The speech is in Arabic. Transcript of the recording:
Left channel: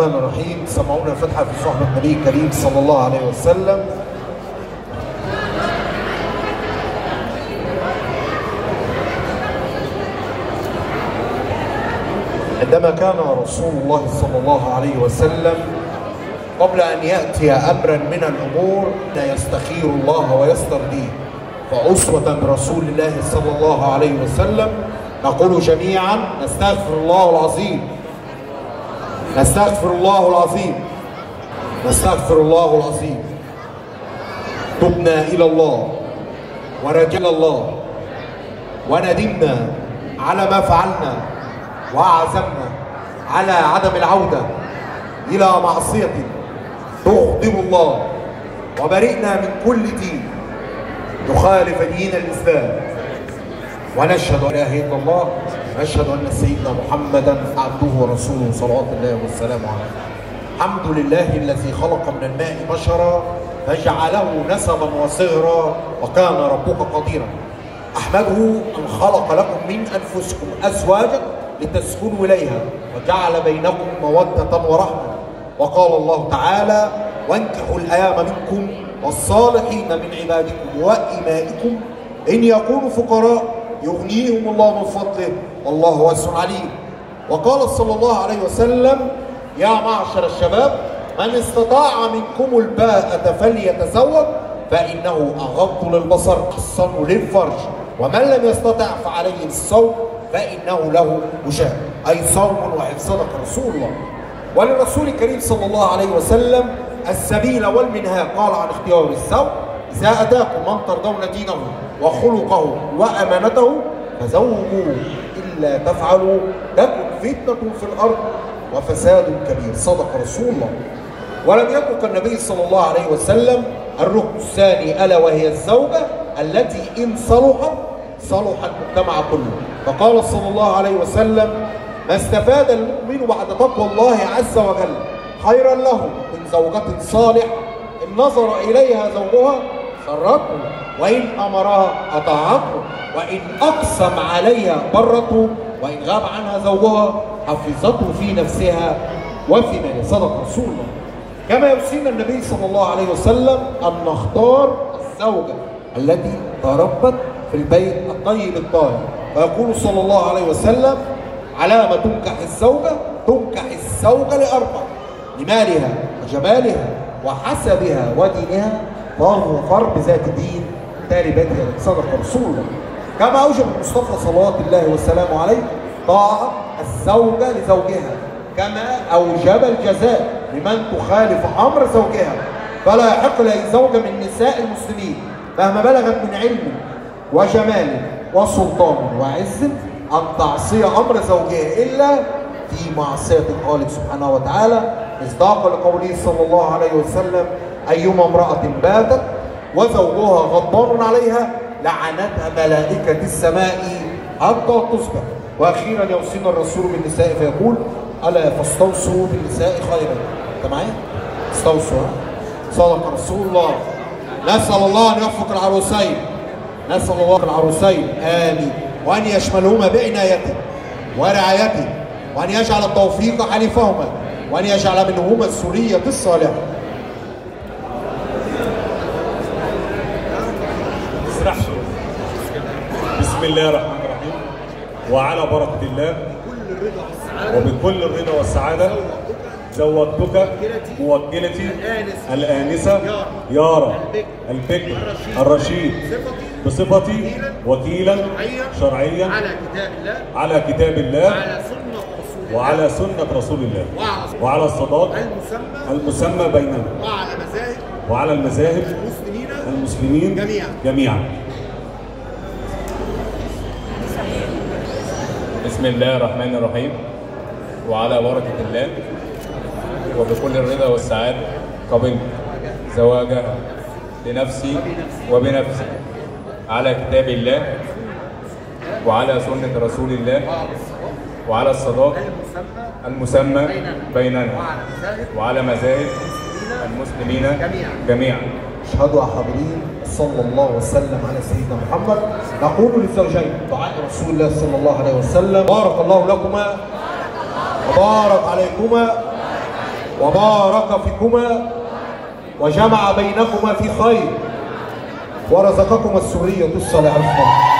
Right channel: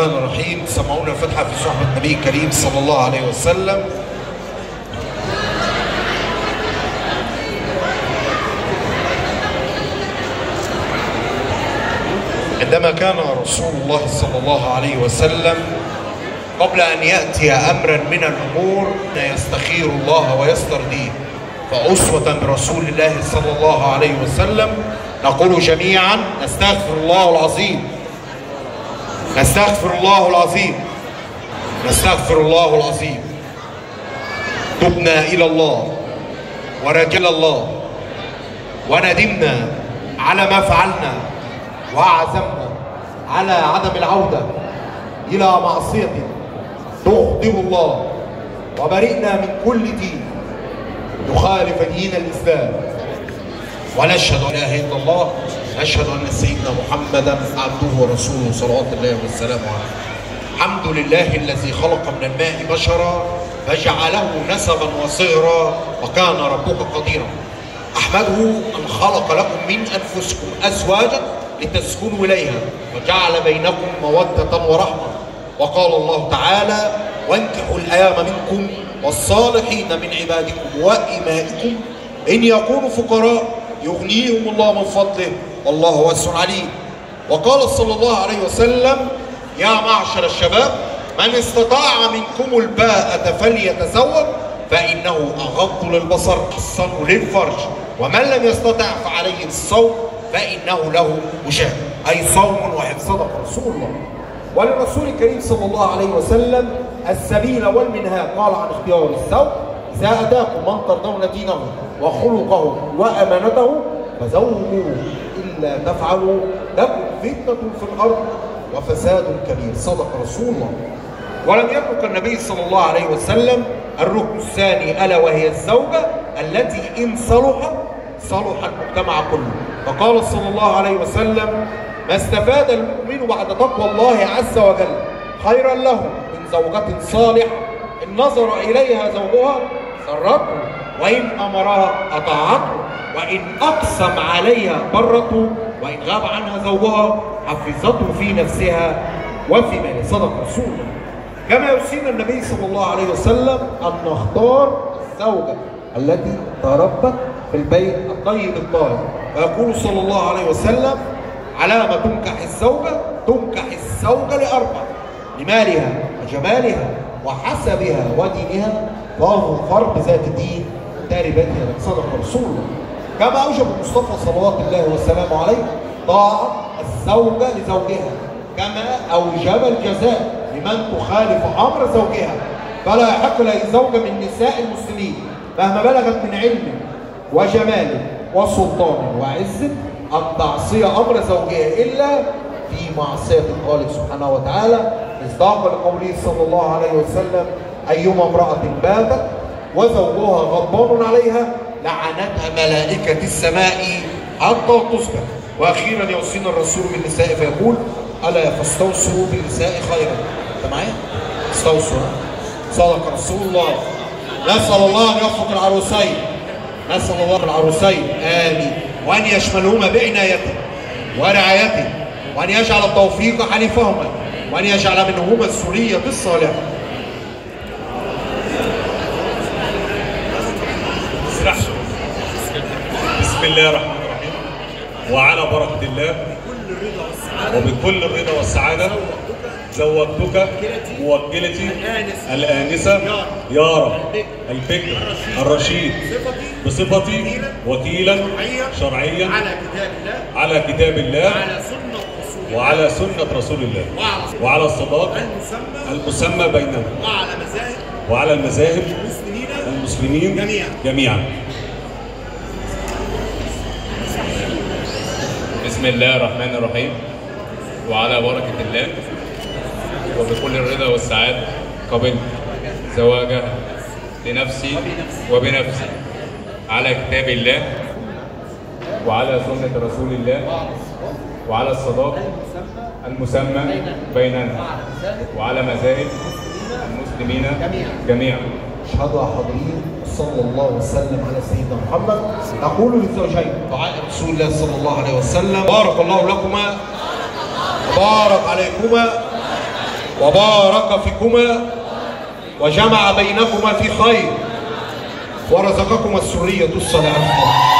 الرحمن الرحيم. سمعونا الفتحة في صحبة النبي الكريم صلى الله عليه وسلم. عندما كان رسول الله صلى الله عليه وسلم قبل أن يأتي أمرا من الأمور يستخير الله ويسترضيه، فأسوة برسول الله صلى الله عليه وسلم نقول جميعا: نستغفر الله العظيم، نستغفر الله العظيم، نستغفر الله العظيم. تبنا إلى الله ورجل الله وندمنا على ما فعلنا وعزمنا على عدم العودة إلى معصية تغضب الله، وبرئنا من كل دين تخالف دين الإسلام، ونشهد أن لا إله إلا الله، نشهد أن سيدنا محمدا عبده ورسوله صلوات الله وسلامه عليه. الحمد لله الذي خلق من الماء بشرا فجعله نسبا وصغرا وكان ربك قديرا. أحمده أن خلق لكم من أنفسكم أزواجا لتسكنوا إليها وجعل بينكم مودة ورحمة. وقال الله تعالى: وانكحوا الأيام منكم والصالحين من عبادكم وإمائكم إن يكونوا فقراء يغنيهم الله من فضله والله واسع عليم. وقال صلى الله عليه وسلم: يا معشر الشباب من استطاع منكم الباءة فليتزوج فإنه أغض للبصر أحسن للفرج، ومن لم يستطع فعليه الصوم فإنه له وجاء، أي صوم واحد. صدق رسول الله. وللرسول الكريم صلى الله عليه وسلم السبيل والمنهاج قال عن اختيار الزوج: إذا أتاكم من ترضون دينه وخلقه وأمانته فزوجوه، إلا تفعلوا تكن فتنة في الأرض وفساد كبير. صدق رسول الله. ولم يترك النبي صلى الله عليه وسلم الركن الثاني ألا وهي الزوجة التي إن صلحت صلح المجتمع كله. فقال صلى الله عليه وسلم: ما استفاد المؤمن بعد تقوى الله عز وجل خيرا له من زوجة صالحة إن نظر إليها زوجها سرته، وإن أمرها أطاعته، وإن أقسم عليها برته، وإن غاب عنها زوجها حفظته في نفسها وفي ماله. صدق رسول الله. كما يوصينا النبي صلى الله عليه وسلم أن نختار الزوجة التي تربت في البيت الطيب الطاهر، فيقول صلى الله عليه وسلم: على ما تنكح الزوجة، تنكح الزوجة لأربع: لمالها وجمالها وحسبها ودينها، فاظفر بذات الدين تاربت يدك. صدق رسول الله. كما أوجب المصطفى صلوات الله وسلامه عليه طاعة الزوجة لزوجها، كما أوجب الجزاء لمن تخالف أمر زوجها. فلا يحق لأي زوجة من نساء المسلمين مهما بلغت من علم وجمال وسلطان وعز أن تعصي أمر زوجها إلا في معصية الخالق سبحانه وتعالى، مصداقا لقوله صلى الله عليه وسلم: أيما امرأة باتت وزوجها غضبان عليها لعنتها ملائكة السماء حتى تصبح. وأخيرا يوصينا الرسول بالنساء فيقول: ألا فاستوصوا بالنساء خيرا. أنت معايا؟ استوصوا. صدق رسول الله. نسأل الله أن يوفق العروسين، نسأل الله العروسين آمين، وأن يشملهما بعنايته ورعايته، وأن يجعل التوفيق حليفهما، وأن يجعل منهما السورية الصالحة. بسم الله الرحمن الرحيم. وعلى بركة الله وبكل الرضا والسعادة زوجتك موكلتي الآنسة يارا البكر الرشيد بصفتي وكيلا شرعيا على كتاب الله وعلى سنة رسول الله وعلى الصداق المسمى بينهم وعلى المذاهب المسلمين جميعا. بسم الله الرحمن الرحيم. وعلى بركة الله وبكل الرضا والسعادة قبلت زواجها لنفسي وبنفسي على كتاب الله وعلى سنة رسول الله وعلى الصداق المسمى بيننا وعلى مذاهب المسلمين جميعا. اشهدوا يا حاضرين صلى الله وسلم على سيدنا محمد. نقول للزوجين دعاء رسول الله صلى الله عليه وسلم: بارك الله لكما وبارك عليكما وبارك فيكما وجمع بينكما في خير ورزقكما السرية الصالحة.